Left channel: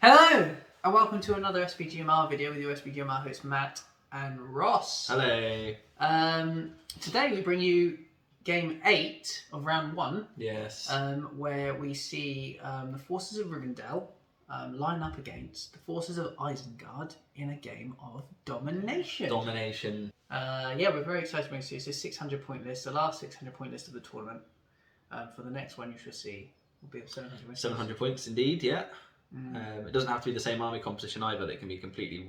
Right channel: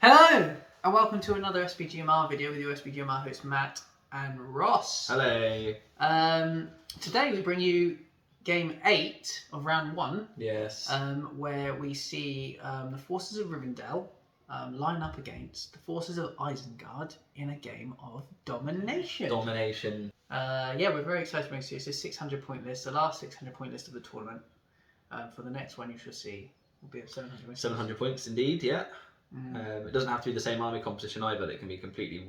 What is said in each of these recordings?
Hello, and welcome to another SBGMR video with your SBGMR hosts Matt and Ross. Hello. Today we bring you game 8 of round 1. Yes. Where we see the forces of Rivendell line up against the forces of Isengard in a game of domination. We're very excited to bring you. It's a 600 point list, the last 600 point list of the tournament. For the next one you shall see will be of 700 points. 700 points indeed, yeah. It doesn't have to be the same army composition either. They can be completely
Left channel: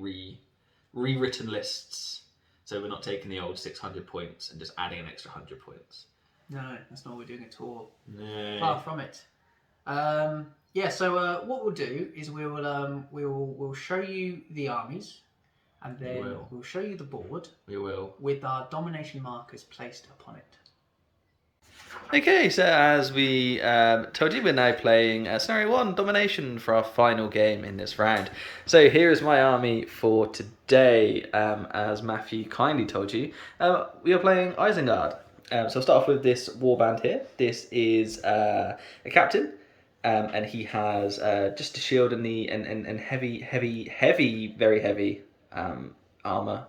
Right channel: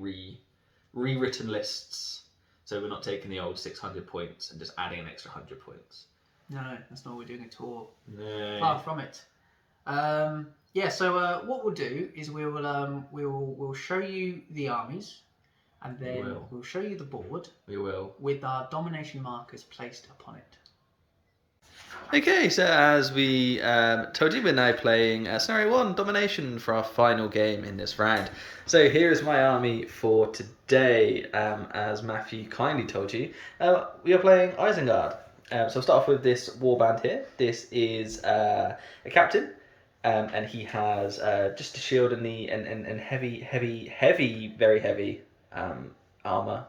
rewritten lists. So we're not taking the old 600 points and just adding an extra 100 points. No, that's not what we're doing at all. No. Far from it. So what we'll do is we'll show you the armies, and then we'll show you the board. We will. With our domination markers placed upon it. Okay, so as we told you, we're now playing Scenario 1, Domination, for our final game in this round. So here is my army for today. As Matthew kindly told you, we are playing Isengard. So I'll start off with this warband here. This is a captain, and he has just a shield and heavy, very heavy armour.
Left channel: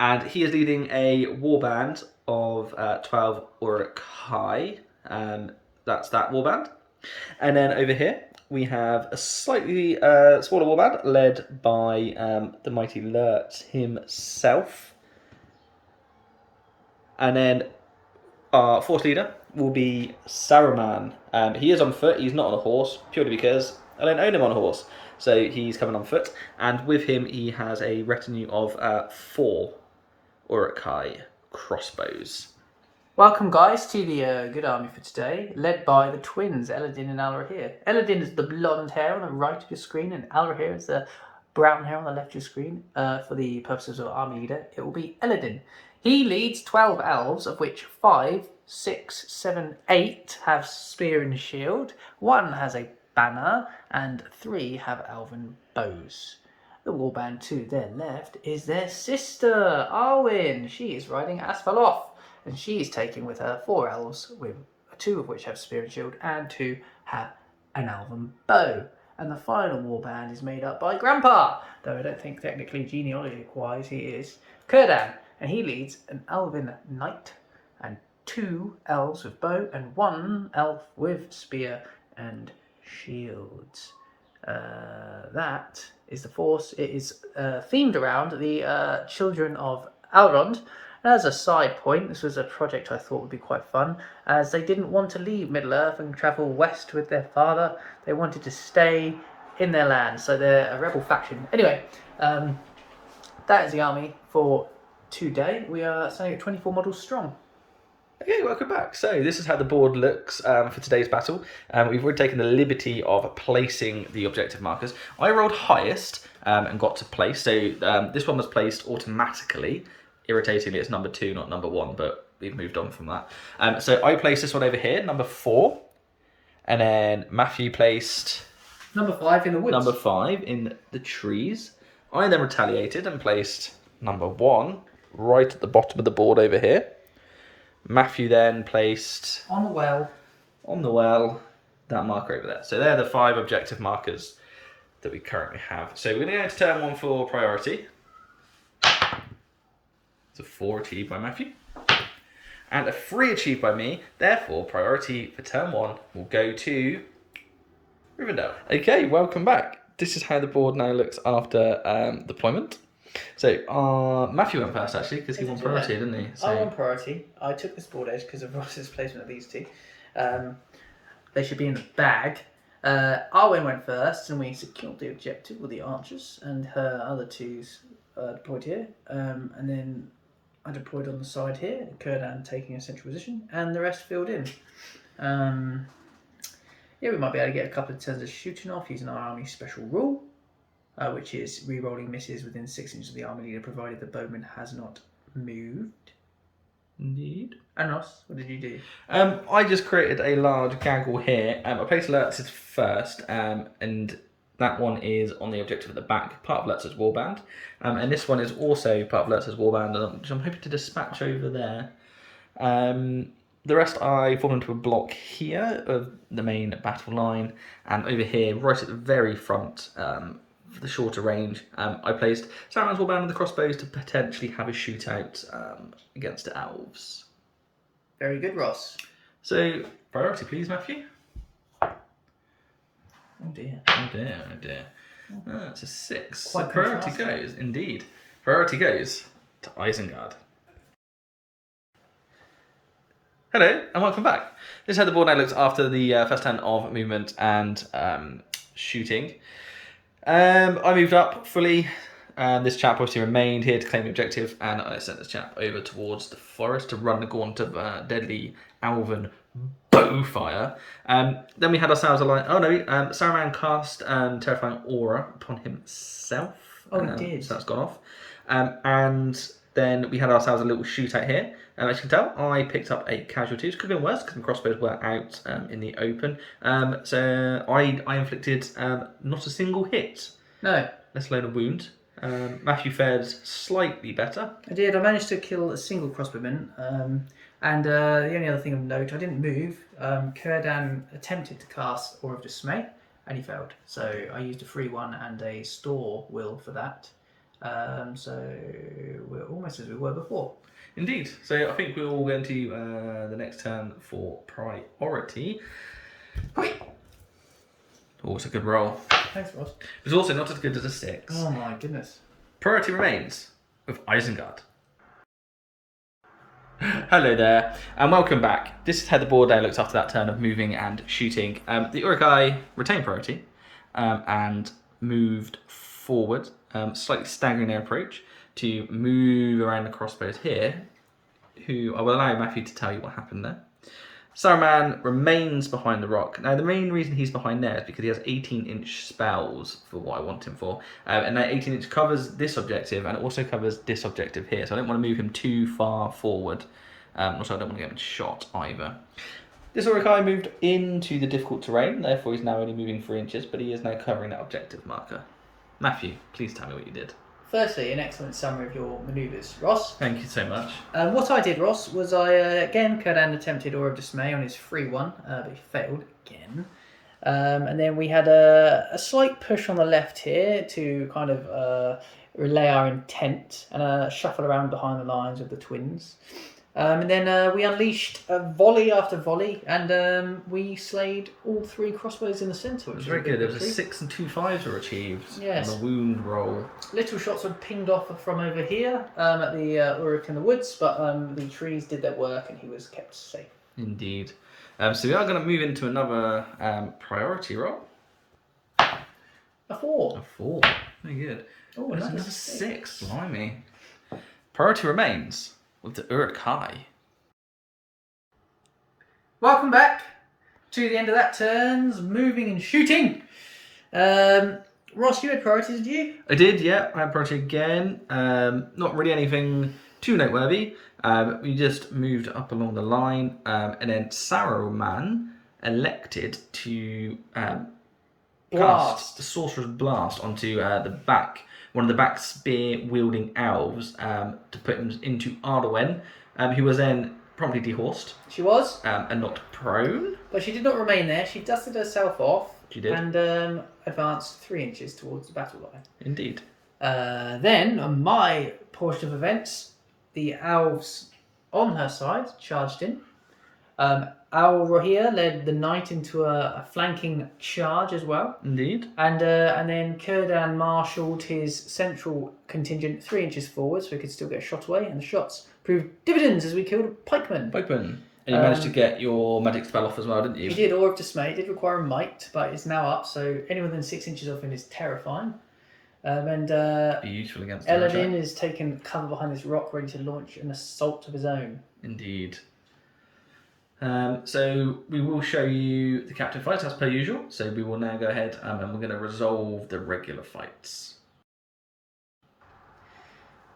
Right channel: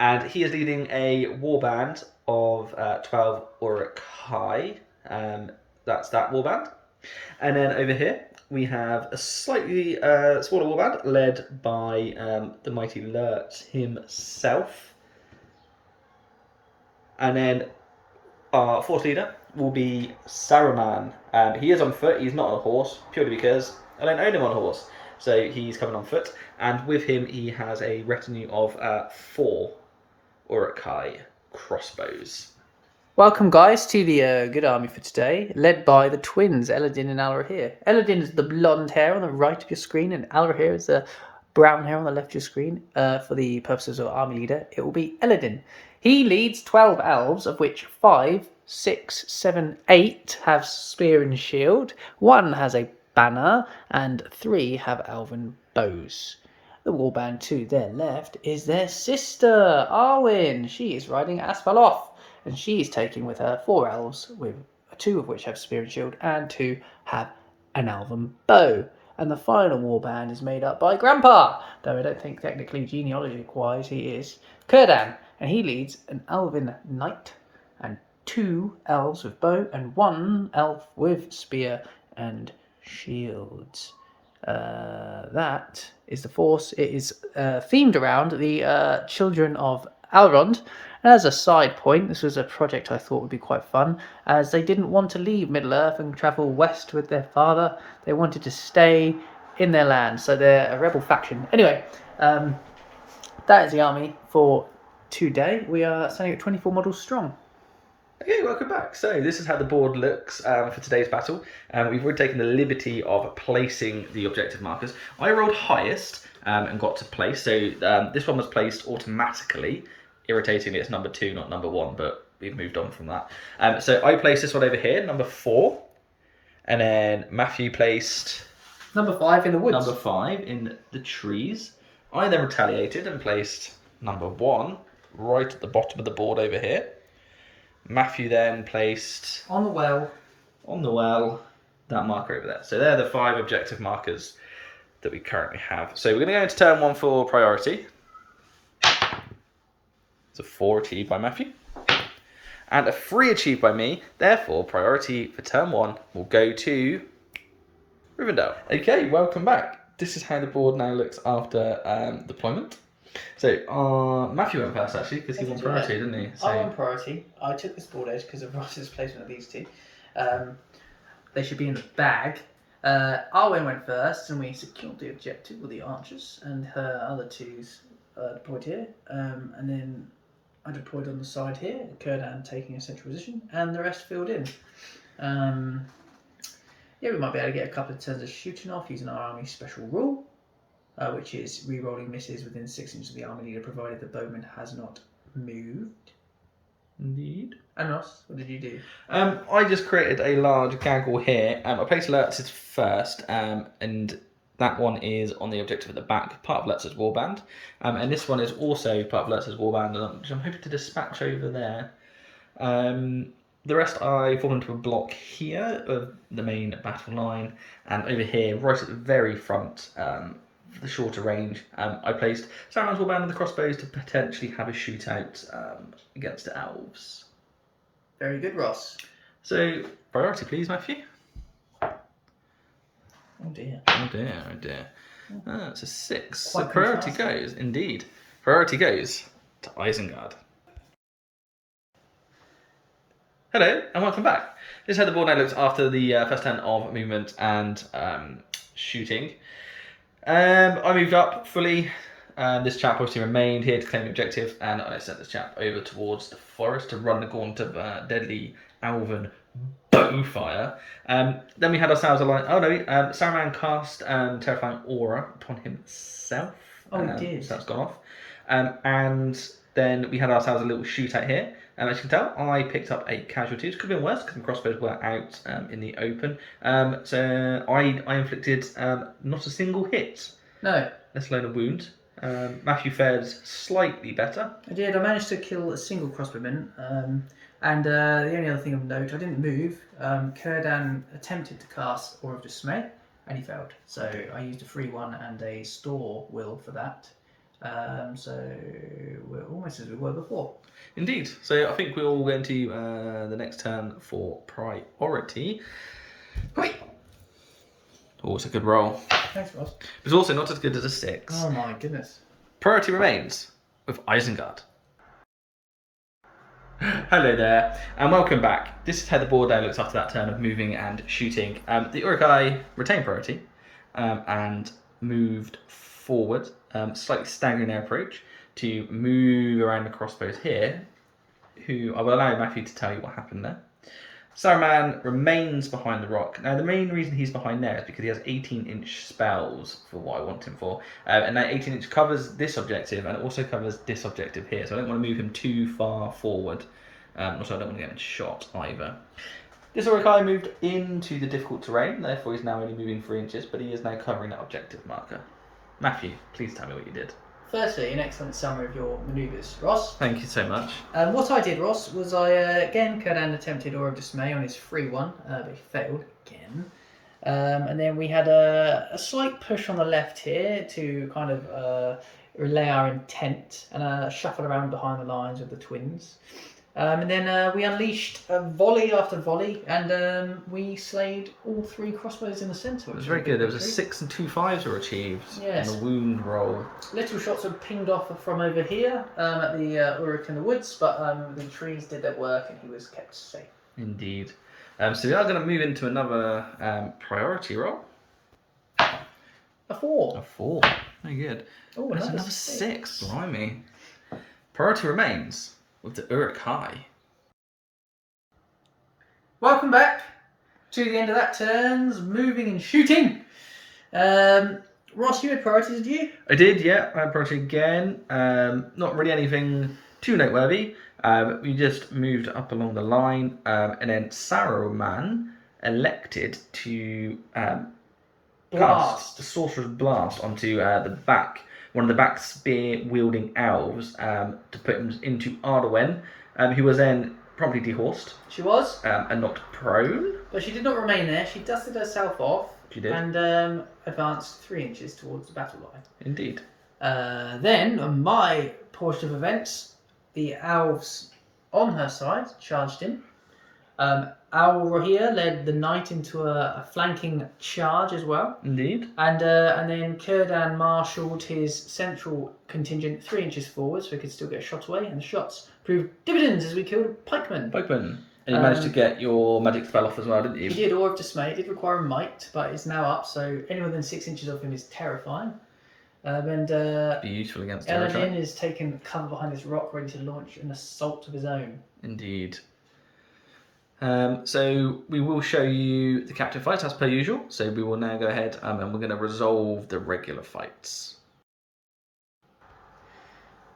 And he is leading a warband of 12 uruk-hai. That's that warband. And then over here we have a slightly smaller warband led by the mighty Lurt himself. And then our force leader will be Saruman. He is on foot. He's not on a horse, purely because I don't own him on a horse. So he's coming on foot. And with him he has a retinue of 4 uruk-hai crossbows. Welcome, guys, to the good army for today, led by the twins Eladin and Alrahir. Eladin is the blonde hair on the right of your screen, and Alrahir is the brown hair on the left of your screen. For the purposes of army leader, it will be Eladin. He leads 12 elves, of which 5, 6, 7, 8 have spear and shield, 1 has a banner, and 3 have elven bows. The warband to their left is their sister, Arwen. She is riding Asfaloth, and she is taking with her 4 elves, with 2 of which have spear and shield, and 2 have an elven bow. And the final warband is made up by Grandpa, though I don't think technically genealogy-wise he is, Kurdan, and he leads an elven knight, and 2 elves with bow, and 1 elf with spear and shields. That is the force. It is themed around the children of Elrond. And as a side point, this was a project I thought would be quite fun, as they didn't want to leave Middle-earth and travel west with their father. They wanted to stay in their land, so they're a rebel faction. Anyway, that is the army for today. We are standing at 24 models strong. Okay, welcome back. So this is how the board looks for today's battle. We've already taken the liberty of placing the objective markers. I rolled highest and got to place. So this one was placed automatically. Irritatingly, it's number 2, not number 1, but we've moved on from that. So I placed this one over here, number 4. And then Matthew placed... Number 5 in the woods. Number 5 in the trees. I then retaliated and placed number 1 right at the bottom of the board over here. Matthew then placed... On the well, that marker over there. So they're the 5 objective markers that we currently have. So we're going to go into turn 1 for priority. It's a 4 achieved by Matthew. And a 3 achieved by me. Therefore, priority for turn 1 will go to Rivendell. Okay, welcome back. This is how the board now looks after deployment. So Matthew went first, actually, because he won priority, didn't he? So... I won priority. I took this board out because of Ross's placement of these 2. They should be in the bag. Arwen went first, and we secured the objective with the archers, and her other 2s deployed here. And then I deployed on the side here, Kurdan taking a central position, and the rest filled in. We might be able to get a couple of turns of shooting off using our army special rule. Which is re-rolling misses within 6 inches of the army leader, provided the bowman has not moved. Indeed. And Ross, what did you do? I just created a large gaggle here. I placed Lurtz's first, and that one is on the objective at the back, part of Lurtz's warband. And this one is also part of Lurtz's warband, which I'm hoping to dispatch over there. The rest I form into a block here of the main battle line, and over here, right at the very front, for the shorter range, I placed Saruman's warband and the crossbows to potentially have a shootout against the elves. Very good, Ross. So, priority please, Matthew. Oh dear. Oh dear, oh dear. It's a 6. Quite So priority contrasting. goes, indeed. Priority goes to Isengard. Hello, and welcome back. This is how the board now looks after the first turn of movement and shooting. I moved up fully. This chap obviously remained here to claim the objective, and I sent this chap over towards the forest to run the gaunt of deadly elven bowfire. Then we had ourselves a line. Oh no, Saruman cast terrifying aura upon himself. Oh, he did. So that's gone off. And then we had ourselves a little shootout here. As you can tell, I picked up a casualty. It could have been worse because the crossbows were out in the open. So I inflicted not a single hit, No, let alone a wound. Matthew fared slightly better. I did. I managed to kill a single crossbowman. And the only other thing of note, I didn't move. Kurdan attempted to cast Aura of Dismay, and he failed. So I used a free one and a store will for that. So we're almost as we were before. Indeed. So I think we're all going to the next turn for priority. Wait. Oh, it's a good roll. Thanks, Ross. It's also not as good as a 6. Oh my goodness. Priority remains with Isengard. Hello there, and welcome back. This is how the board now looks after that turn of moving and shooting. The uruk-hai retained priority and moved forward, slightly staggering their approach to move around the crossbows here, who I will allow Matthew to tell you what happened there. Saruman remains behind the rock. Now, the main reason he's behind there is because he has 18-inch spells for what I want him for. And that 18-inch covers this objective and it also covers this objective here. So I don't want to move him too far forward. Also, I don't want to get him shot either. This uruk-hai moved into the difficult terrain. Therefore, he's now only moving 3 inches, but he is now covering that objective marker. Matthew, please tell me what you did. Firstly, an excellent summary of your manoeuvres, Ross. Thank you so much. What I did, Ross, was again, Kurdan attempted Aura of Dismay on his free one, but he failed again. And then we had a slight push on the left here to kind of relay our intent and shuffle around behind the lines of the twins. And then we unleashed volley after volley, and we slayed all 3 crossbows in the centre. It was very good. There was a 6 and 2 5s were achieved yes. on the wound roll. Little shots were pinged off from over here at the Uruk in the woods, but the trees did their work and he was kept safe. Indeed. So we are going to move into another priority roll. A 4. A 4. Very good. Oh, There's another 6. Blimey. Priority remains with the uruk-hai. Welcome back to the end of that turn's moving and shooting. Ross, you had priorities, did you? I did, yeah. I had priority again. Not really anything too noteworthy. We just moved up along the line, and then Saruman elected to cast the Sorcerer's Blast onto one of the back spear-wielding elves to put him into Arwen, who was then promptly dehorsed. She was. And knocked prone. But she did not remain there. She dusted herself off. She did. And advanced 3 inches towards the battle line. Indeed. Then, on my portion of events, the elves on her side charged in. Al Rohir led the knight into a flanking charge as well. Indeed. And then Kurdan marshalled his central contingent 3 inches forward so he could still get a shot away. And the shots proved dividends as we killed a pikeman. And you managed to get your magic spell off as well, didn't you? He did, Aura of Dismay. It did require a might, but it's now up, so anyone within 6 inches of him is terrifying. Be useful against the uruk-hai. Eladin is taking cover behind this rock, ready to launch an assault of his own. Indeed. So we will show you the captive fights as per usual. So we will now go ahead and we're going to resolve the regular fights.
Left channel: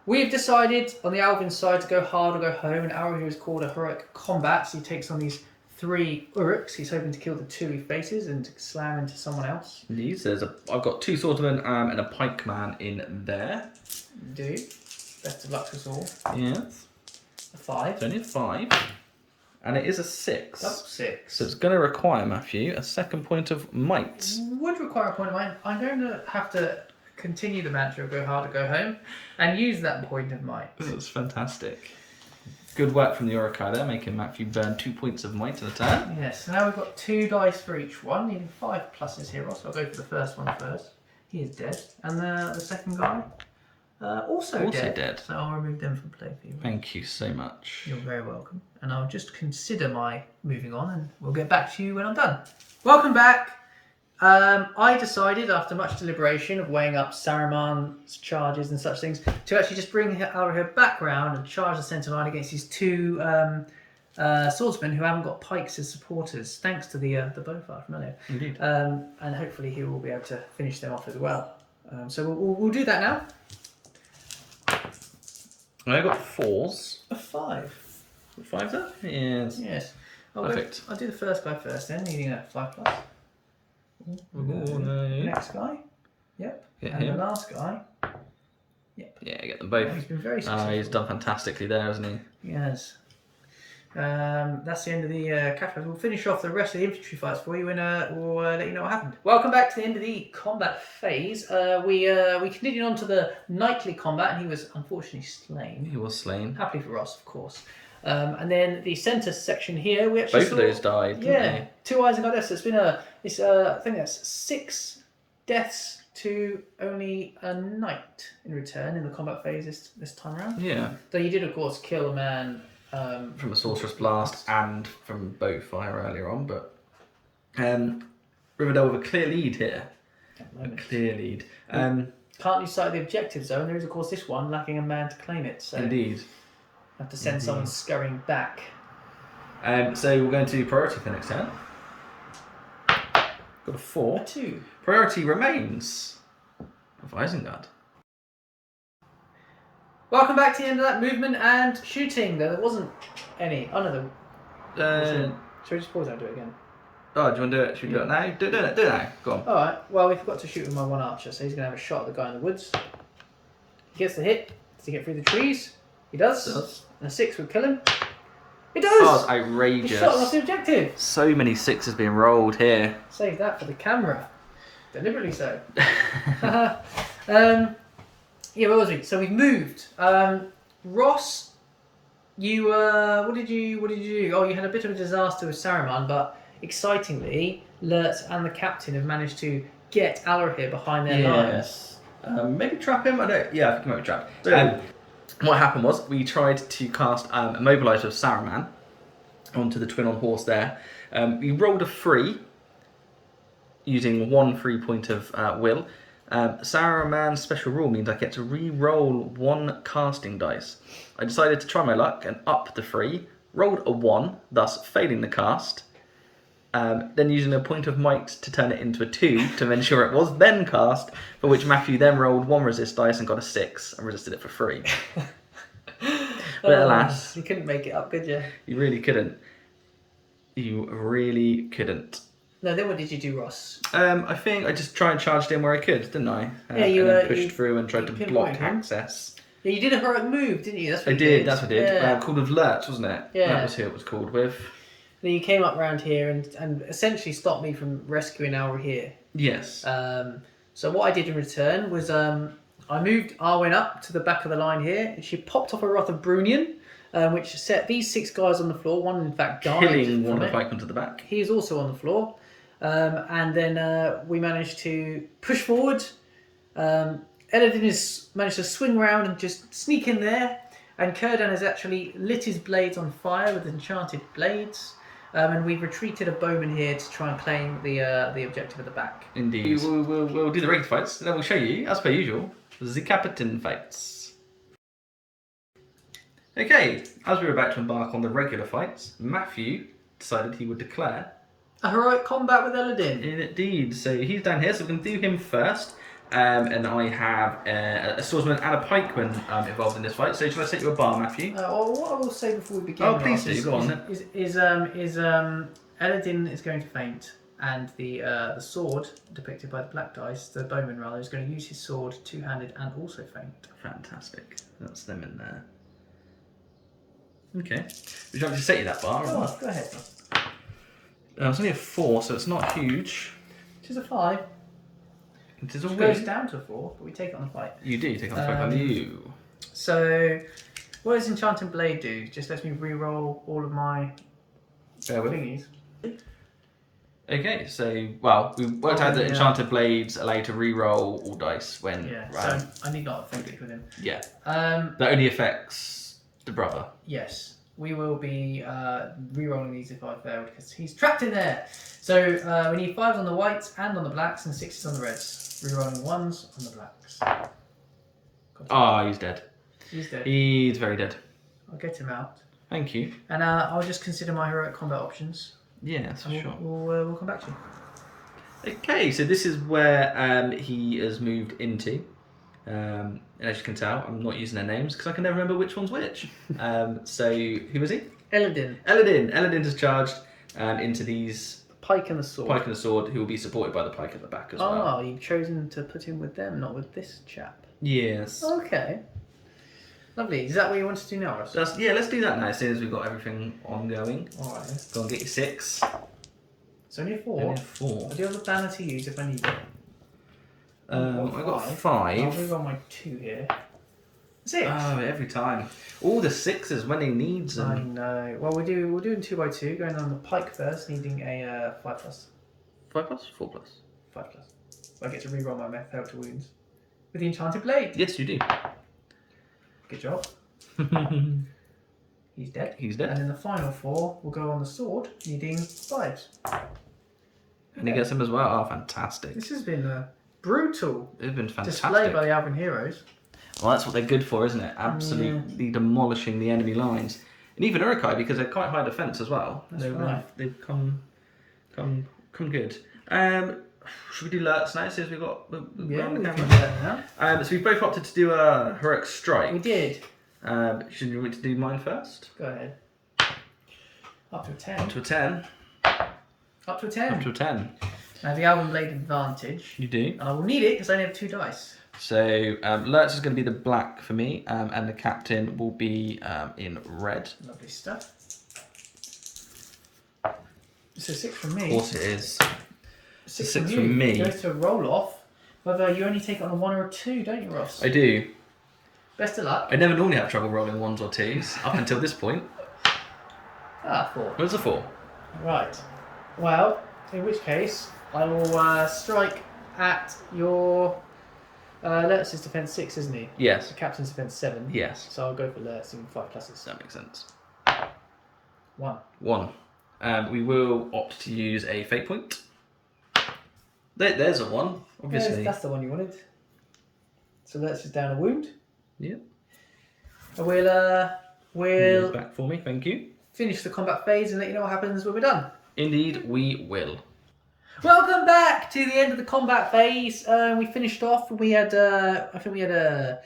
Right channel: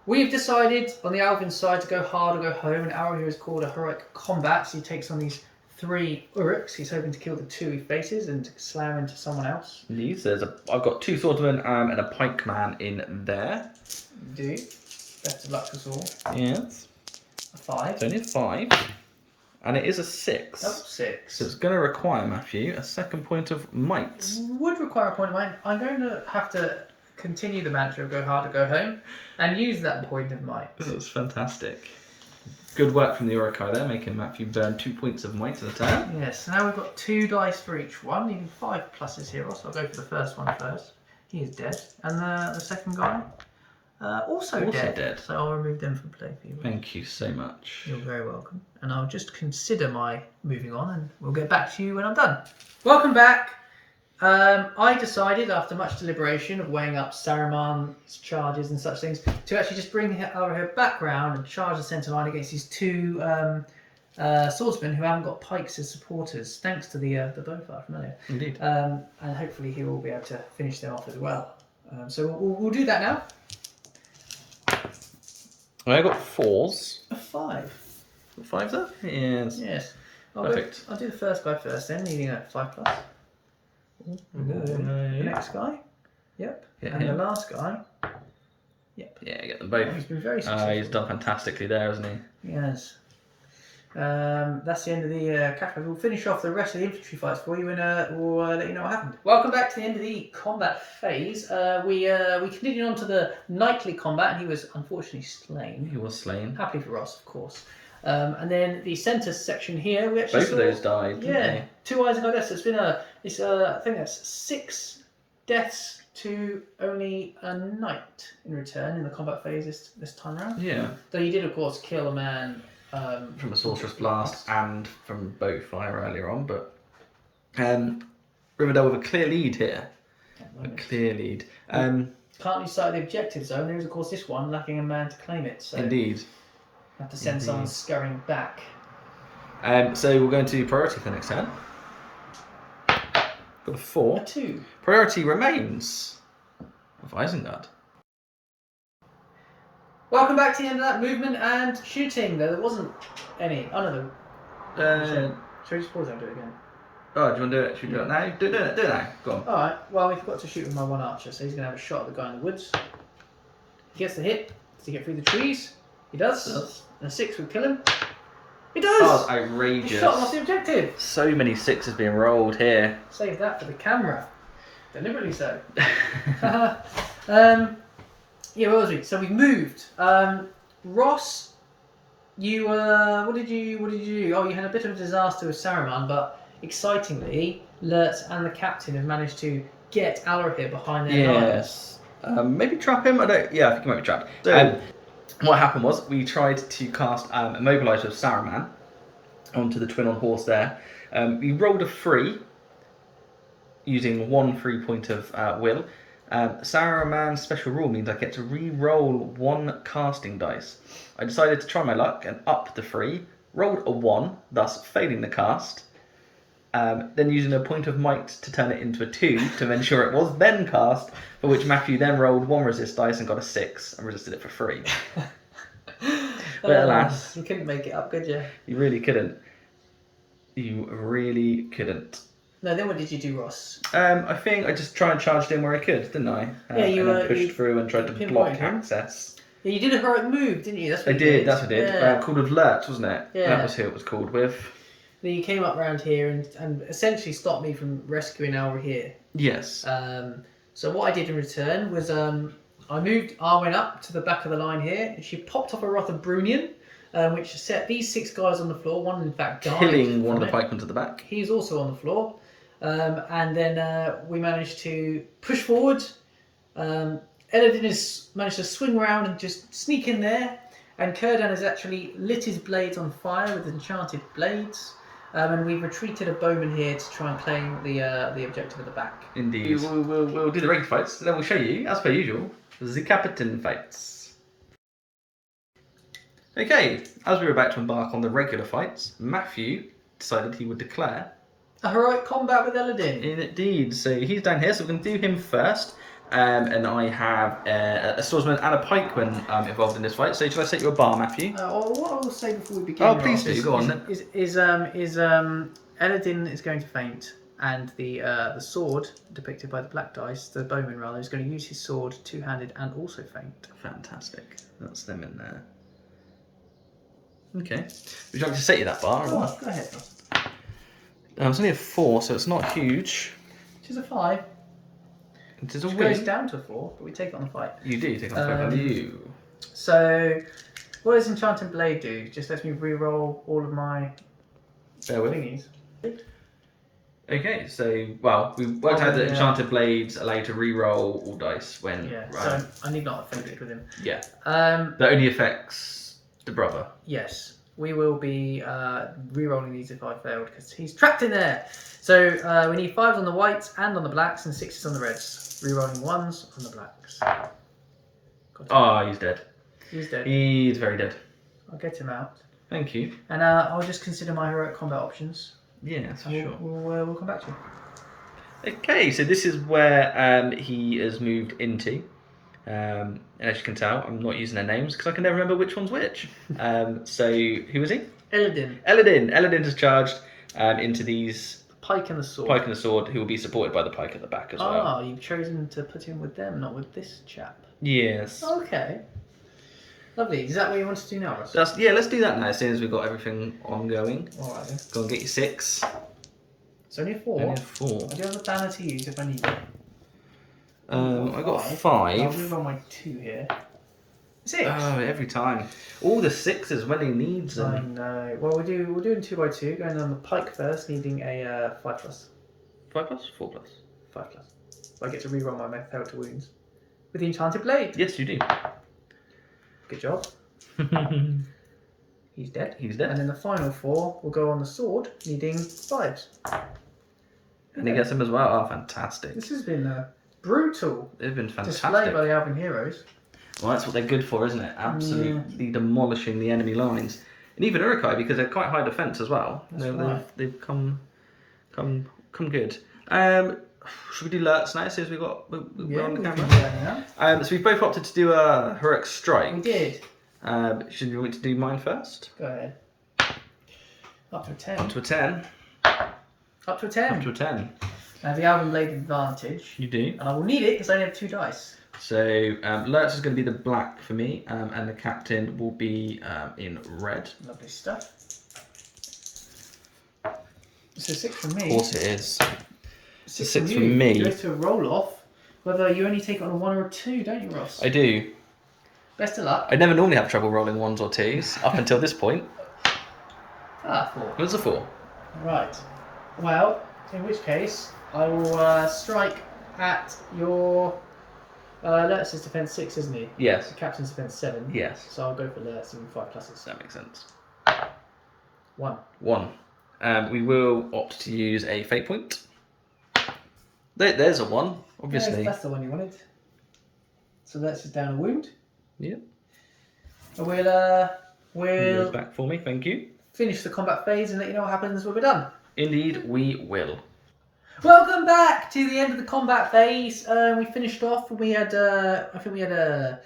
We've decided on the Alvin side to go hard or go home, and our hero is called a heroic combat. So he takes on these 3 uruks. He's hoping to kill the 2 he faces and to slam into someone else. Indeed. So I've got 2 swordsmen and a pikeman in there. Do. Best of luck to us all. Yes. A 5. It's only a 5. And it is a 6. Double 6. So it's going to require, Matthew, a second point of might. Would require a point of might. I'm going to have to continue the mantra of go hard or go home and use that point of might. That's fantastic. Good work from the uruk-hai there, making Matthew burn 2 points of might in a turn. Yes, now we've got 2 dice for each one, needing 5 pluses here, Ross. I'll go for the first one first. He is dead. And the second guy, also dead. So I'll remove them from play for you. Thank you so much. You're very welcome. And I'll just consider my moving on and we'll get back to you when I'm done. Welcome back. I decided, after much deliberation of weighing up Saruman's charges and such things, to actually just bring Alrahir back round and charge the centre line against these 2 swordsmen who haven't got pikes as supporters, thanks to the bowfire from earlier. Indeed. And hopefully he will be able to finish them off as well. So we'll do that now. I got 4s. A 5. 5 there? Yes. Yes. Perfect. I'll do the first guy first then, needing a 5 plus. No. Next guy. Yep. Get and him. the last guy. Yep. Yeah, get them both. He's been very successful. He's done fantastically there, hasn't he? He has. That's the end of the cafe. We'll finish off the rest of the infantry fights for you and we'll let you know what happened. Welcome back to the end of the combat phase. We continued on to the knightly combat and he was unfortunately slain. He was slain. Happily for Ross, of course. And then the centre section here, we actually Both of those died, didn't they? 2 Isengard deaths. I think that's 6 deaths to only a knight in return in the combat phase this time around. Yeah. Though you did, of course, kill a man from a sorcerer's blast and from bow fire earlier on, but Rivendell with a clear lead here. A clear lead. Can't lose sight of the objective zone. There is, of course, this one lacking a man to claim it. So Indeed. have to send someone scurrying back. So we're going to do priority for next turn. Got a 4. A 2. Priority remains of Isengard. Welcome back to the end of that movement and shooting, though there wasn't any. Oh no, should we just pause and do it again? Oh, do you want to do it? Should we do it now? Do it now. Go on. Alright, well, we forgot to shoot with my 1 archer, so he's going to have a shot at the guy in the woods. He gets the hit. Does he get through the trees? He does. And a 6 would kill him. It does! Oh, it's outrageous. He shot him off the objective. So many 6s being rolled here. Save that for the camera. Deliberately so. Yeah, what was we? So we've moved. Ross, you what did you do? Oh, you had a bit of a disaster with Saruman, but excitingly, Lurtz and the captain have managed to get Alrahir behind their lines. Yes. Maybe trap him? I think he might be trapped. So, what happened was we tried to cast Immobilizer of Saruman onto the twin on horse there. We rolled a 3 using 1 free point of will. Saruman's special rule means I get to re-roll 1 casting dice. I decided to try my luck and up the 3, rolled a 1, thus failing the cast, then using a point of might to turn it into a 2 to ensure it was then cast, for which Matthew then rolled 1 resist dice and got a 6 and resisted it for 3. But alas. You couldn't make it up, could you? You really couldn't. You really couldn't. No, then what did you do, Ross? I think I just tried and charged in where I could, didn't I? Yeah, you and then pushed through and tried to block access. Yeah, you did a heroic move, didn't you? That's what I did. That's what I did. Yeah. Called with Lurtz, wasn't it? Yeah. That was who it was called with. Then you came up round here and essentially stopped me from rescuing Alrahir. Yes. So what I did in return was I moved Arwen up to the back of the line here. And she popped off a Wrath of Brunion, which set these 6 guys on the floor. One, in fact, died. Killing one of the pikemen to the back. He is also on the floor. And then we managed to push forward. Eladin has managed to swing around and just sneak in there. And Círdan has actually lit his blades on fire with enchanted blades. And we've retreated a bowman here to try and claim the objective at the back. Indeed. We'll do the regular fights. Then we'll show you, as per usual, the Captain fights. Okay, as we were about to embark on the regular fights, Matthew decided he would declare a heroic combat with Eladin. Indeed. So he's down here, so we're going to do him first. And I have a swordsman and a pikeman involved in this fight. So shall I set you a bar, Matthew? What I will say before we begin, oh, please do. Go on then. Eladin is going to faint, and the sword depicted by the black dice, the bowman rather, is going to use his sword two-handed and also faint. Fantastic. That's them in there. Okay. Would you like me to set you that bar? Go on, go ahead. It's only a 4, so it's not huge. It is a 5. It is a Which win. goes down to a 4, but we take it on the fight. You do take on the fight value. So, what does Enchanted Blade do? Just lets me re-roll all of my thingies. Okay, so, well, we worked out that Enchanted Blades allow you to re-roll all dice when... Yeah, so I need not have with him. Yeah. That only affects the brother. Yes. We will be re-rolling these if I failed, because he's trapped in there. So we need 5s on the whites and on the blacks, and 6s on the reds. Re-rolling 1s on the blacks. He's dead. He's dead. He's very dead. I'll get him out. Thank you. And I'll just consider my heroic combat options. Yeah, for sure. We'll come back to you. Okay, so this is where he has moved into. And as you can tell, I'm not using their names because I can never remember which one's which. So, who was he? Eladin. Eladin has charged into these... Pike and the sword. Pike and the sword, who will be supported by the pike at the back as well. Oh, you've chosen to put him with them, not with this chap. Yes. Okay. Lovely. Is that what you want to do now, Russ? Let's do that now, as soon as we've got everything ongoing. Alright then. Go and get your 6. It's only a 4. Only a 4. I do have a banner to use if I need it. I got 5. I'll move on my 2 here. 6. Oh, every time. All the 6s when he needs them. I know. Well, we're doing 2 by 2. Going on the pike first, needing a 5+. 5+? 4+? 5+. So I get to reroll my failed to wounds with the Enchanted Blade. Yes, you do. Good job. He's dead. He's dead. And then the final 4 will go on the sword, needing 5s. And he gets him as well. Oh, fantastic. This has been a brutal It's been fantastic. display by the Alvin heroes. Well, that's what they're good for, isn't it? Absolutely demolishing the enemy lines. And even uruk-hai, because they're quite high defence as well. They've come good. Should we do alerts now, since we've got we're on the we camera? can do that now. So we've both opted to do a heroic strike. We did. Should you want me to do mine first? Go ahead. Up to a 10. Up to a 10. Up to a 10. Up to a 10. I have the Alvin Blade advantage. You do. And I will need it because I only have 2 dice. So Lurch is going to be the black for me, and the captain will be in red. Lovely stuff. So 6 from me. Of course it is. 6 from you. me. Goes to a roll off. Whether you only take it on a 1 or a 2, don't you, Ross? I do. Best of luck. I never normally have trouble rolling 1s or 2s up until this point. 4. What's a 4? Right. Well, in which case, I will strike at your... Lurtz's defense 6, isn't he? Yes. The captain's defense 7. Yes. So I'll go for Lurtz and 5 pluses. That makes sense. 1. 1. We will opt to use a fate point. There's a 1, obviously. Yeah, that's the one you wanted. So Lurtz is down a wound. Yep. And we'll back for me, thank you. finish the combat phase and let you know what happens when we're done. Indeed, we will. Welcome back to the end of the combat phase. We finished off. We had, I think we had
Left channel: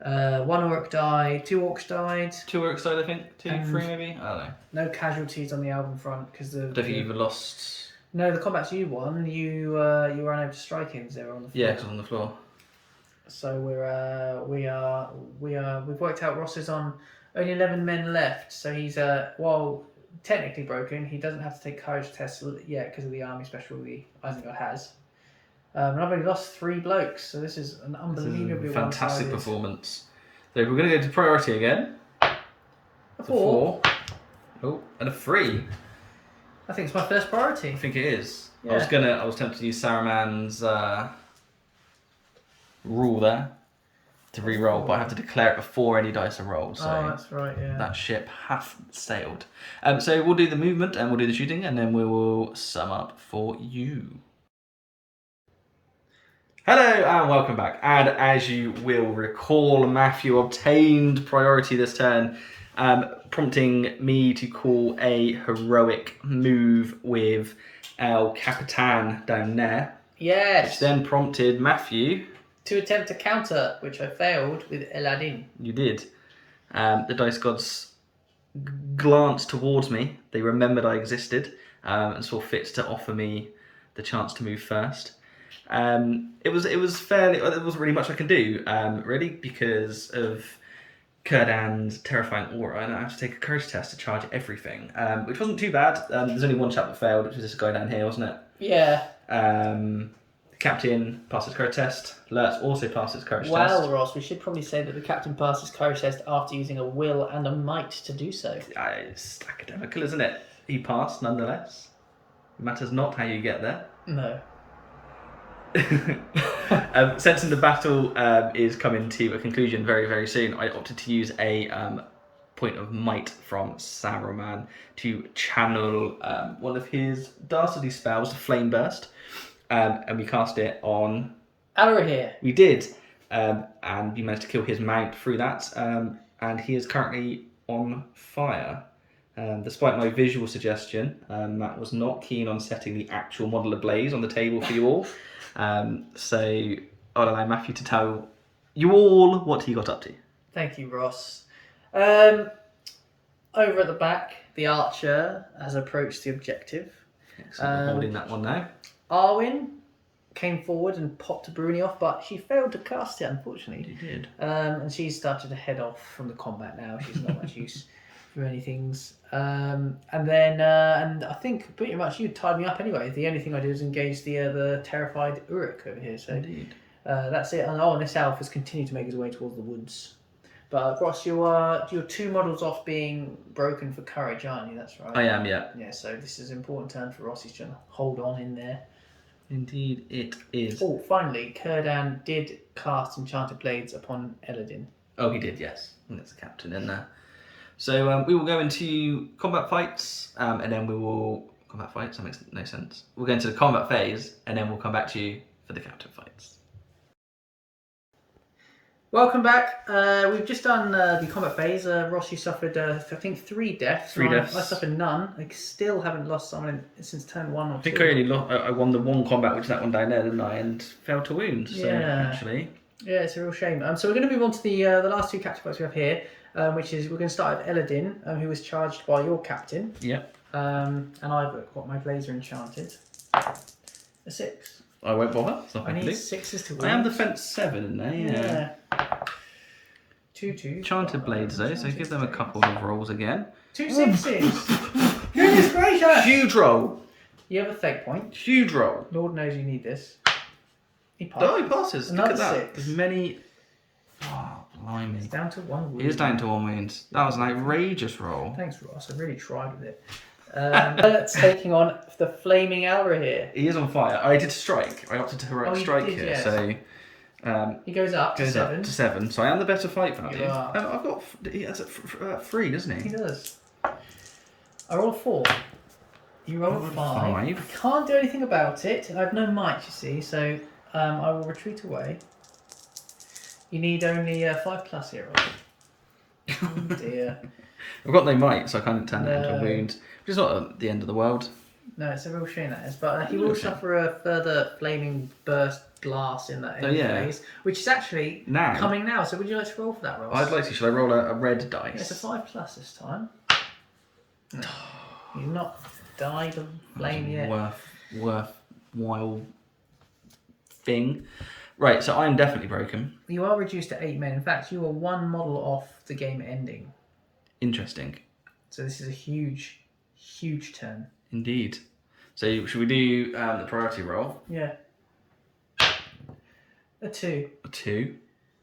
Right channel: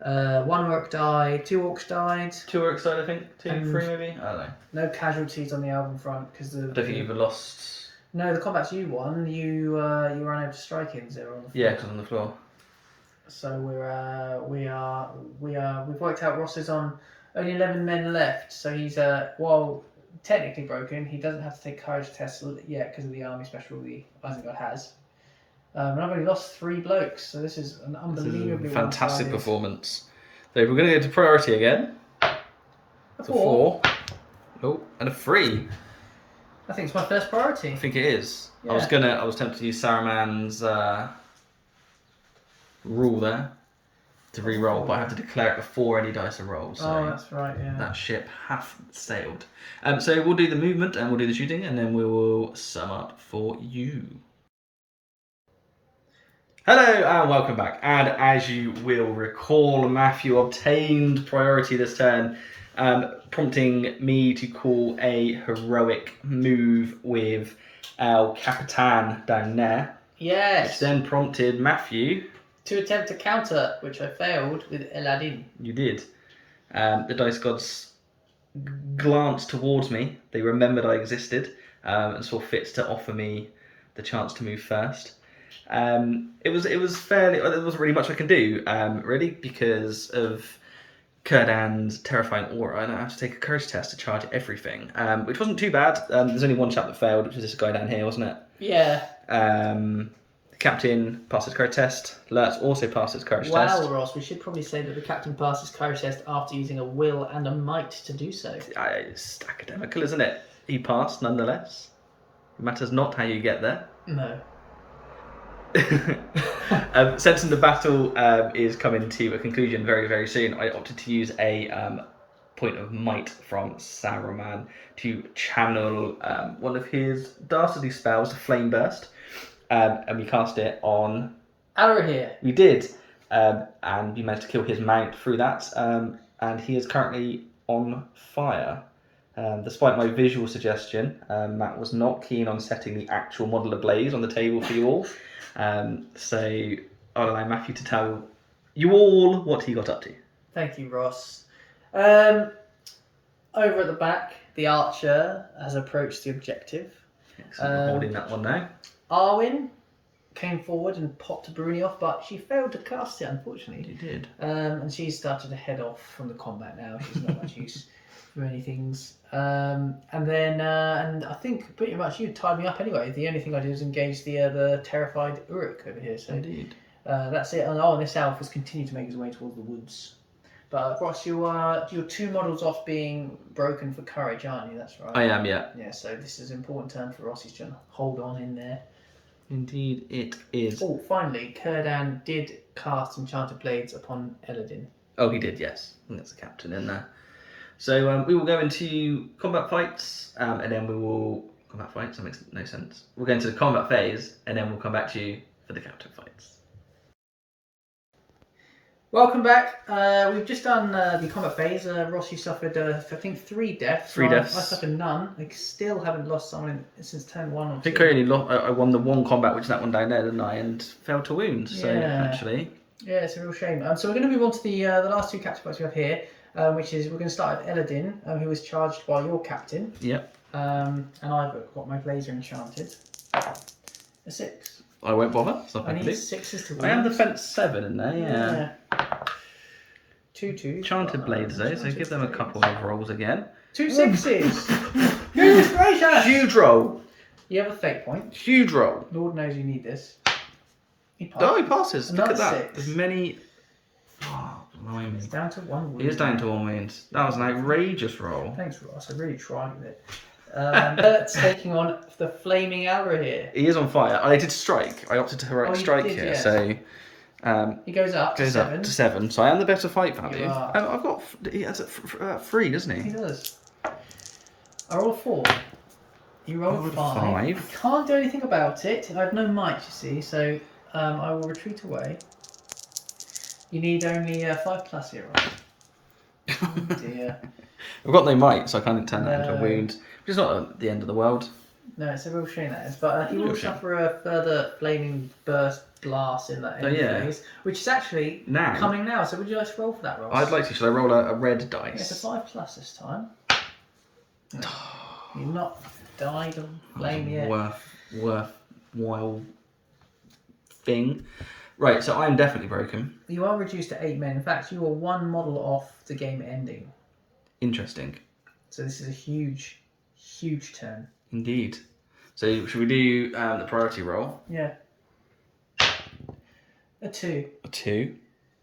1 orc died, 2 orcs died. 2 orcs died, I think. 2, 3 maybe? I don't know. No casualties on the album front because I don't think you've lost. No, the combats you won. You were unable to strike ins there on the floor. Yeah, because on the floor. So we've worked out Ross is on only 11 men left. So he's while technically broken, he doesn't have to take courage tests yet because of the army special the Isengard has. And I've only lost 3 blokes, so this is an unbelievably fantastic performance. So if we're going to go to priority again. A 4. Oh, and a 3. I think it's my first priority. I think it is. Yeah. I was tempted to use Saruman's rule there to re-roll, but I have to declare it before any dice are rolled. So oh, that's right, yeah. that ship hath sailed. So we'll do the movement and we'll do the shooting, and then we will sum up for you. Hello and welcome back. And as you will recall, Matthew obtained priority this turn, prompting me to call a heroic move with El Capitan down there. Yes. Which then prompted Matthew to attempt to counter, which I failed with Eladin. You did. The dice gods glanced towards me. They remembered I existed and saw fit to offer me the chance to move first. It was fairly. There wasn't really much I can do, really, because of Círdan's terrifying aura, and I have to take a courage test to charge everything, which wasn't too bad. There's only one chap that failed, which was this guy down here, wasn't it? Yeah. The captain passed his courage test. Lurtz also passed his courage test. Well, Ross, we should probably say that the captain passed his courage test after using a will and a might to do so. It's academical, isn't it? He passed nonetheless. It matters not how you get there. No. Sensing the battle is coming to a conclusion very, very soon, I opted to use a point of might from Saruman to channel one of his dastardly spells, Flame Burst, and we cast it on... Alrahir. We did, and we managed to kill his mount through that, and he is currently on fire. Despite my visual suggestion, Matt was not keen on setting the actual model ablaze on the table for you all. So I'll allow Matthew to tell you all what he got up to. Thank you, Ross. Over at the back, the archer has approached the objective. Excellent. I'm holding that one now. Arwen came forward and popped a Bruni off, but she failed to cast it, unfortunately. You did. And she started to head off from the combat now. She's not much use for many things. And I think pretty much you tied me up anyway. The only thing I did was engage the terrified Uruk over here. So Indeed. That's it. And this elf has continued to make his way towards the woods. But Ross, you're 2 models off being broken for courage, aren't you? That's right. I am, yeah. Yeah. So this is an important turn for Ross. He's trying to hold on in there. Indeed, it is. Oh, finally, Círdan did cast Enchanted Blades upon Eladin. Oh, he did, yes. I think that's the captain in there. So we will go into combat fights, and then we will... Combat fights? That makes no sense. We'll go into the combat phase, and then we'll come back to you for the captain fights. Welcome back. We've just done the combat phase. Ross, you suffered, I think, 3 deaths. 3 deaths. I suffered none. I still haven't lost someone since turn 1 or 2. I think I won the one combat, which is that one down there, didn't I? And fell to wounds. So actually, yeah, it's a real shame. So we're going to move on to the last 2 captain fights we have here, which is we're going to start with Eladin, who was charged by your captain. Yep. And I've got my blazer enchanted. A 6. I won't bother. I need 6s to win. I am defense 7 in there. Yeah. 2. Enchanted blades though, so give them a couple of rolls again. 2 6s. Goodness gracious! Huge roll. You have a fate point. Huge roll. Lord knows you need this. He passes. Oh, he passes. Another Look at that. 6. As many. Oh, blimey. It's down to 1 wound. He is down to 1 wound. That was an outrageous roll. Thanks, Ross. I really tried with it. It's taking on the flaming Alrahir. He is on fire. I did strike. I opted to heroic strike here, yes. so He goes up to 7. Up to 7. So I am the better fight value. You are. I've got. He has 3, doesn't He he? does. I roll a 4. You roll a 5. I 5. can't do anything about it. I have no might, you see, so I will retreat away. You need only 5+ here, Ross. Oh dear. I've got no might, so I can't turn that into a No. wound. Which is not the end of the world. No, it's a real shame that is. But he will suffer a further flaming burst blast in that end phase, which is actually coming now. So would you like to roll for that, Ross? I'd like to. Should I roll a red dice? It's a 5+ this time. No. You've not died of flame yet. Worthwhile thing. Right, so I am definitely broken. You are reduced to 8 men. In fact, you are 1 model off the game ending. Interesting. So this is a huge, huge turn. Indeed. So should we do the priority roll? Yeah. A 2. A 2.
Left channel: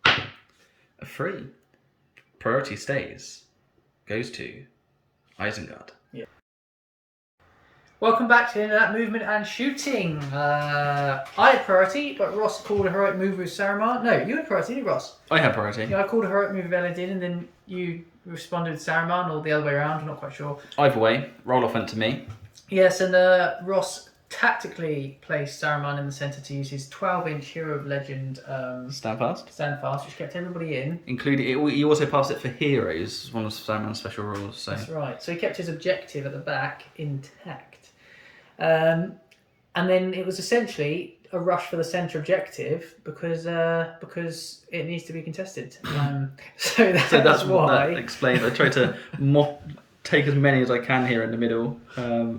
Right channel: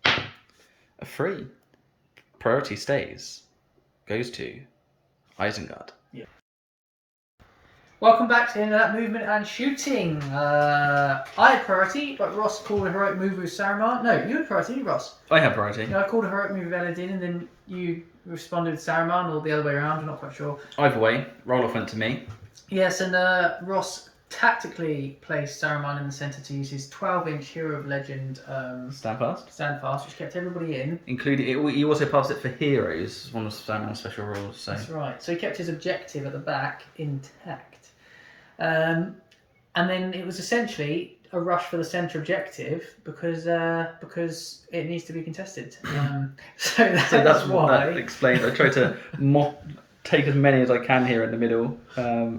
A 3. Priority stays. Goes to Isengard. Yeah. Welcome back to the end of that movement and shooting. I had priority, but Ross called a heroic move with Saruman. No, you had priority, didn't you, Ross? I had priority. Yeah, I called a heroic move with Eladin, and then you responded with Saruman, or the other way around. I'm not quite sure. Either way, roll off went to me. Yes, and Ross tactically placed Saruman in the centre to use his 12-inch Hero of Legend Stand fast, which kept everybody in. including he also passed it for heroes, one of Saruman's special rules. So that's right. So he kept his objective at the back intact, and then it was essentially a rush for the centre objective because it needs to be contested. So that's why. That explains. I tried to take as many as I can here in the middle.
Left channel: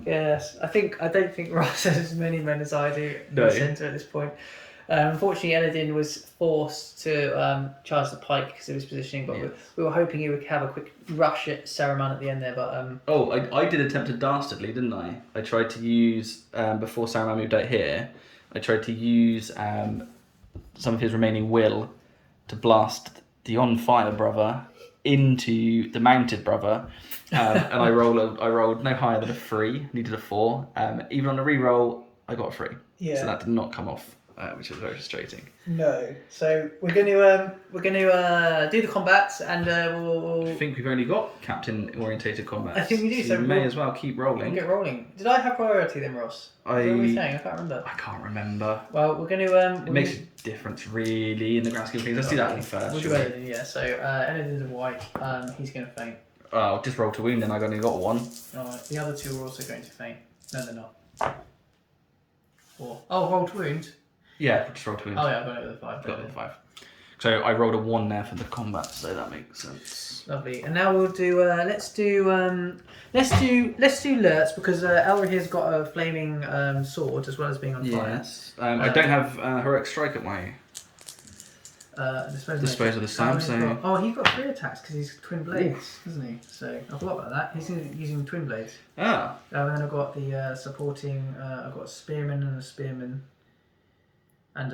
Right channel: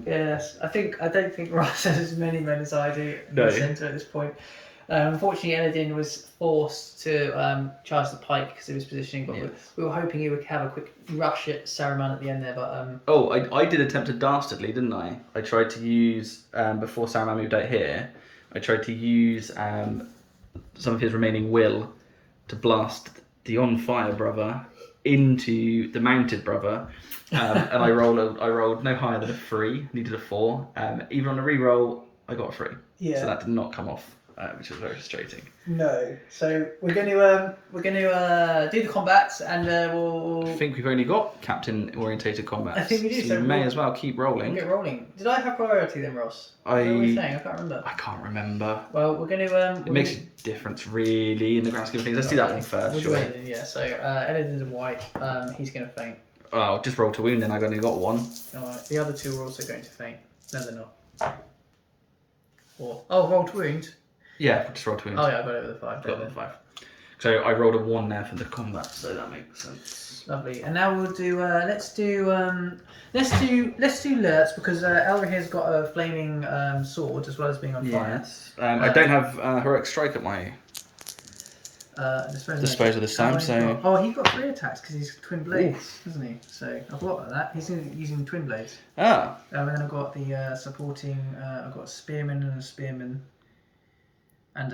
Yes, I don't think Ross has as many men as I do in No. the centre at this point. Unfortunately, Eladin was forced to charge the pike because of his positioning, but we were hoping he would have a quick rush at Saruman at the end there. But Oh, I did attempt to dastardly, didn't I? I tried to use, before Saruman moved out here, I tried to use some of his remaining will to blast the on fire brother into the mounted brother. And I rolled no higher than a 3, needed a 4. Even on a re-roll, I got a 3. Yeah. So that did not come off, which was very frustrating. no, so we're going to do the combats, and we'll. I think we've only got captain orientated combat. I think we do. So you may as well keep rolling. We'll get rolling. Did I have priority then, Ross? What were we saying? I can't remember. I can't remember. Well, we're going to. It makes a difference, really, in the grand scheme of things. Let's do that one first. We'll do Eladin, yeah. So Eladin's a white. He's going to faint. Oh, just roll to wound, then I've only got 1. Alright, the other 2 are also going to faint. No, they're not. 4. Oh, roll to wound. Yeah, just roll to wound. Oh yeah, I got it with a 5. Got it with a 5. So I rolled a 1 there for the combat, so that makes sense. Lovely. And now we'll do. Let's do Lurtz because Elrihir's got a flaming sword as well as being on fire. Yes. I don't have heroic strike at my disposal this time. He's got 3 attacks because he's twin blades, isn't he? So I forgot about that. He's using twin blades. Oh. And then I've got the supporting. I've got a spearman and a spearman, and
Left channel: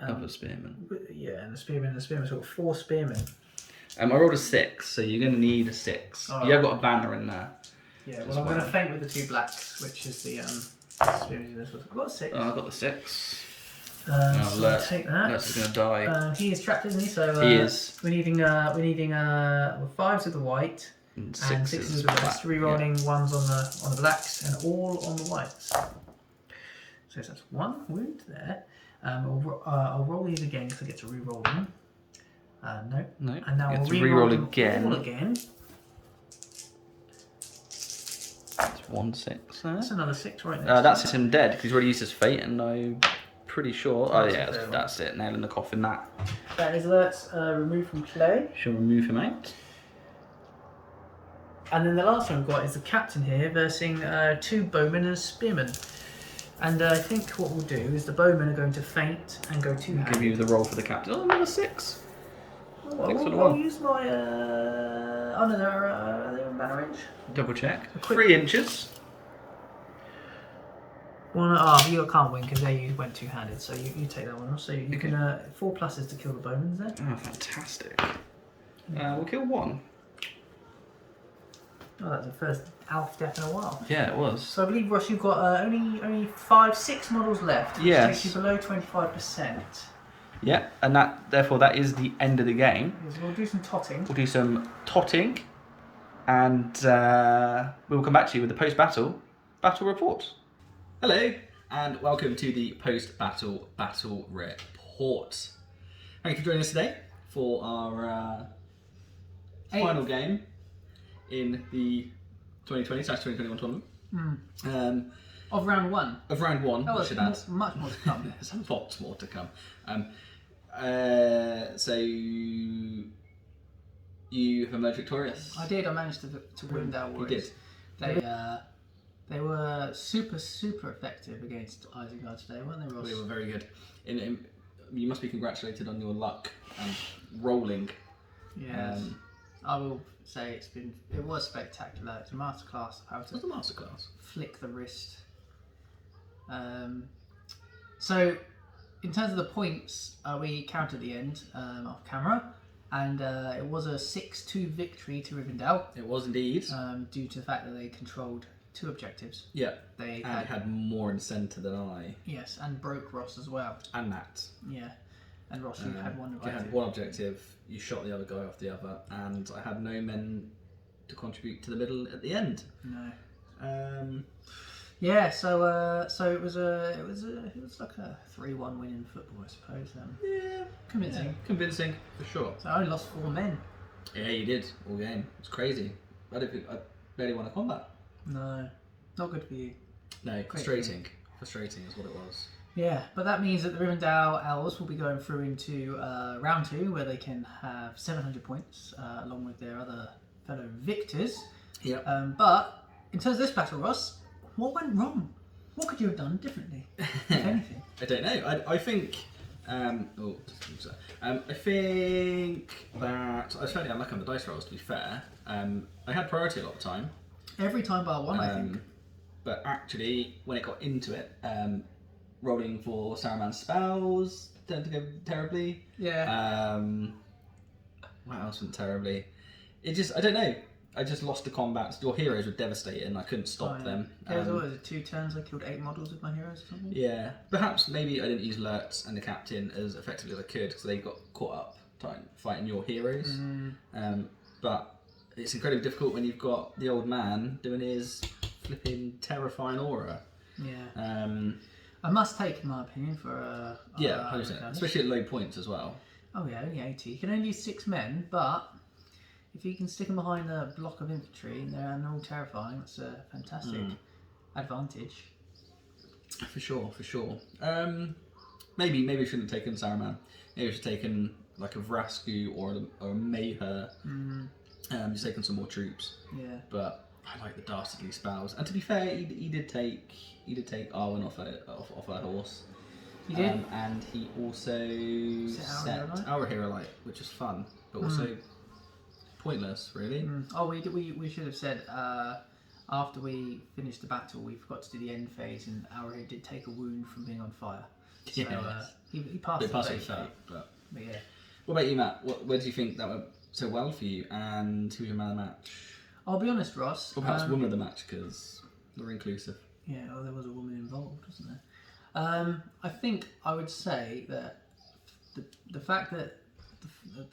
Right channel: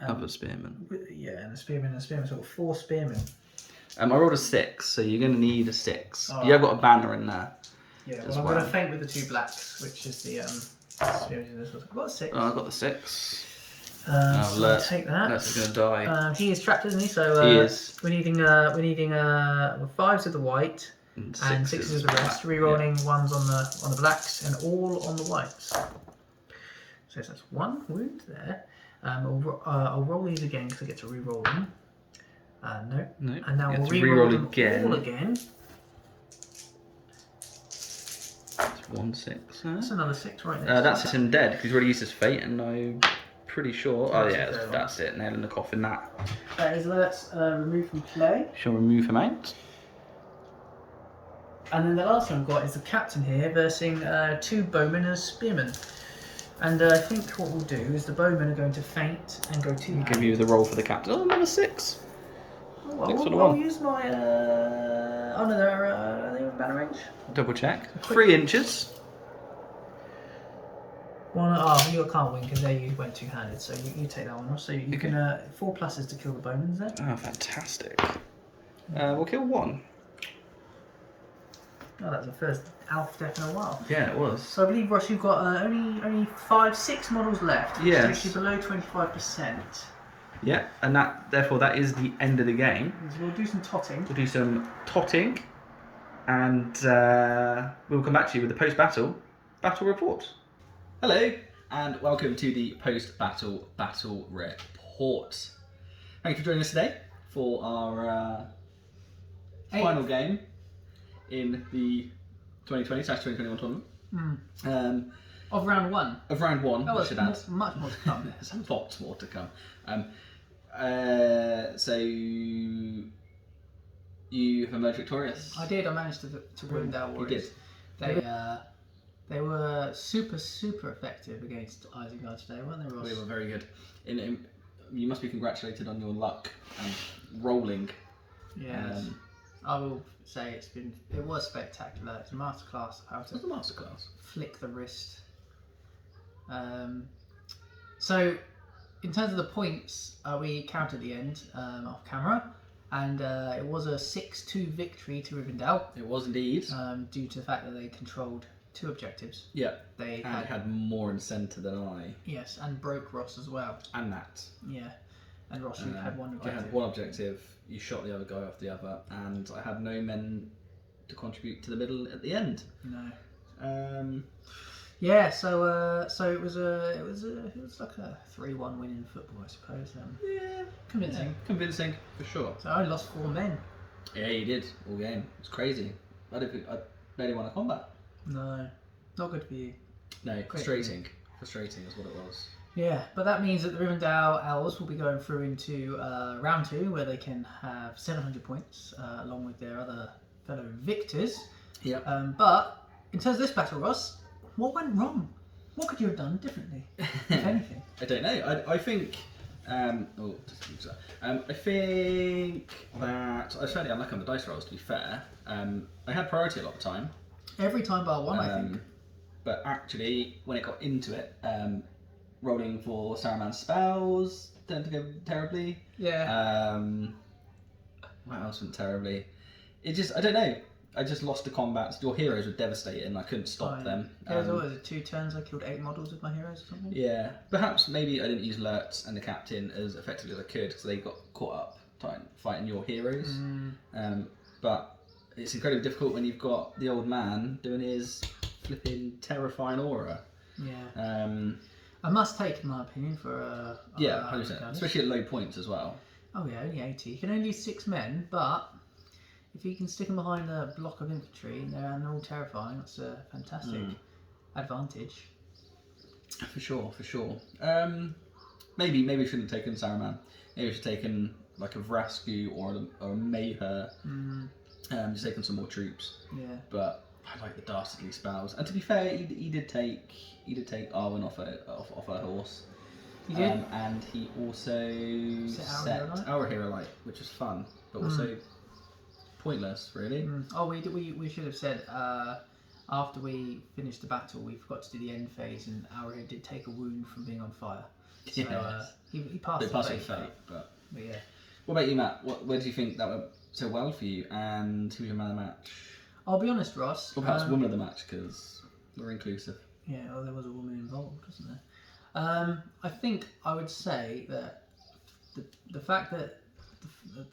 Other spearman. Yeah, and a spearman and a spearman. So I've got 4 spearmen. I rolled a 6, so you're going to need a 6. Right. You have got a banner in there. Yeah, well, I'm going to faint with the 2 blacks, which is the spearman in this one. I've got a 6. Oh, I got the 6. So I'll take that. Lurtz is going to die. He is trapped, isn't he? So he is. We're needing 5s of the white and 6s of the rest. Rerolling 1s on the blacks and all on the whites. So that's 1 wound there. I'll roll these again because I get to re-roll them. No. And now we'll re-roll them again. all again. That's 1 6. That's another 6 right there. That's him dead because he's already used his fate, and I'm pretty sure. Oh yeah, that's it. Nail in the coffin. That is Lurtz removed from play. Shall we move him out? And then the last one I've got is the captain here versing 2 bowmen and a spearman. And I think what we'll do is the bowmen are going to faint and go 2-handed. Give you the roll for the captain. Oh, another 6. I'll use my. Oh no, are they in banner range? Double check. 3 inches. 1. You can't win because they went 2-handed, so you take that one. So you can 4 pluses to kill the bowmen there. Oh, fantastic. We'll kill 1. Oh, that's the first elf death in a while. Yeah, it was. So I believe, Ross, you've got only 6 models left. Which takes you below 25%. Yeah, and therefore that is the end of the game. We'll do some totting. We'll do some totting, and we'll come back to you with the post-battle battle report. Hello, and welcome to the post-battle battle report. Thank you for joining us today for our final game in the 2020/2021 tournament. Of round 1. Of round 1, Oh, I should add. Much more to come. There's a lot more to come. So you have emerged victorious. I did. I managed to win that war. You did. They were super effective against Isengard today, weren't they, Ross? They were very good. You must be congratulated on your luck and rolling. Yes. I will say it was spectacular. It's a masterclass how to flick the wrist. So in terms of the points, we counted the end off camera, and it was a 6-2 victory to Rivendell. It was indeed. Due to the fact that they controlled 2 objectives. Yeah. They had more in centre than I. Yes, and broke Ross as well. And that. Yeah. And Ross, you had 1 objective. I had 1 objective. You shot the other guy off the other, and I had no men to contribute to the middle at the end. No. Yeah. So it was like a 3-1 win in football, I suppose. Yeah. Convincing. Yeah, convincing for sure. So I only lost 4 men. Yeah, you did all game. It's crazy. I barely won a combat. No, not good for you. No, frustrating. Frustrating is what it was. Yeah, but that means that the Rivendell elves will be going through into round 2, where they can have 700 points along with their other fellow victors. Yep. But in terms of this battle, Ross, what went wrong? What could you have done differently, if anything? I don't know. I think. I think that I was fairly unlucky on the dice rolls. To be fair, I had priority a lot of the time. Every time bar one, I think. But actually, when it got into it, rolling for Saruman's spells tended to go terribly. Yeah. What else went terribly? I don't know. I just lost the combat. Your heroes were devastating. I couldn't stop them. Yeah, it was always 2 turns. I killed 8 models with my heroes or something. Yeah, perhaps maybe I didn't use Lurtz and the captain as effectively as I could, so they got caught up fighting your heroes. But it's incredibly difficult when you've got the old man doing his flipping terrifying aura. Yeah. I must take, in my opinion, for 100%, especially at low points as well. Oh yeah, only 80. You can only use 6 men, but if you can stick them behind a block of infantry and they're all terrifying, that's a fantastic advantage. For sure. Maybe we shouldn't have taken Saruman. Maybe we should have taken like a Vrasku or a Mayher. Just taken some more troops. Yeah. But I like the dastardly spells. And to be fair, he did take Arwen off her horse. He did. And he also set our hero light, which is fun, but also pointless, really. Oh, we should have said after we finished the battle, we forgot to do the end phase, and our hero did take a wound from being on fire. So he passed the fate. But yeah. What about you, Matt? Where do you think that went so well for you? And who was your man of the match? I'll be honest, Ross. Or perhaps woman of the match, because we're inclusive. Yeah, well, there was a woman involved, wasn't there? I think I would say that the fact that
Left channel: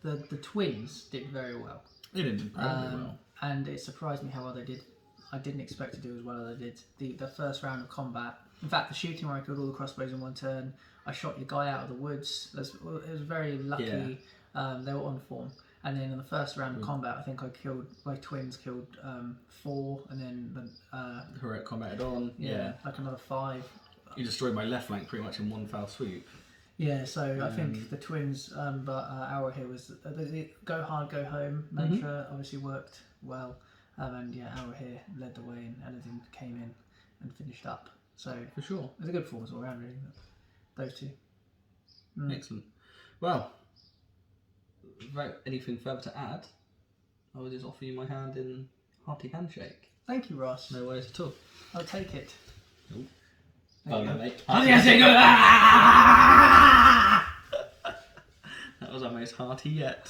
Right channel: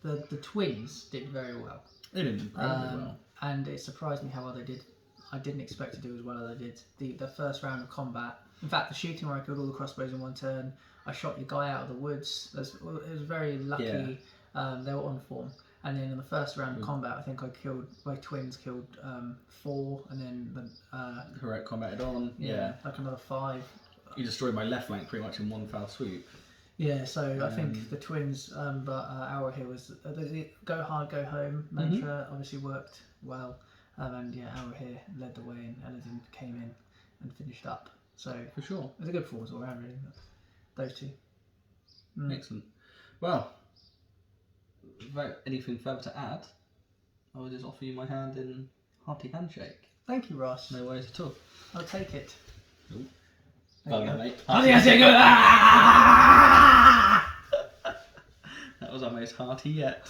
the twins did very well. They did incredibly well. And it surprised me how well they did. I didn't expect to do as well as I did. The first round of combat. In fact, the shooting where I killed all the crossbows in one turn. I shot your guy out of the woods. It was very lucky. Yeah. They were on form. And then in the first round of combat, I think my twins killed 4, and then the heroic combated on. Yeah, like another 5. You destroyed my left flank pretty much in one foul swoop. Yeah, so I think the twins, but our here was the go hard, go home mantra obviously worked well, and yeah, our here led the way, and Eladin came in and finished up. So for sure, it was a good performance all around, really. But those 2. Excellent. Well, without anything further to add, I will just offer you my hand in hearty handshake. Thank you, Ross. No worries at all. I'll take it. Nope. Well done, mate. That was our most hearty yet.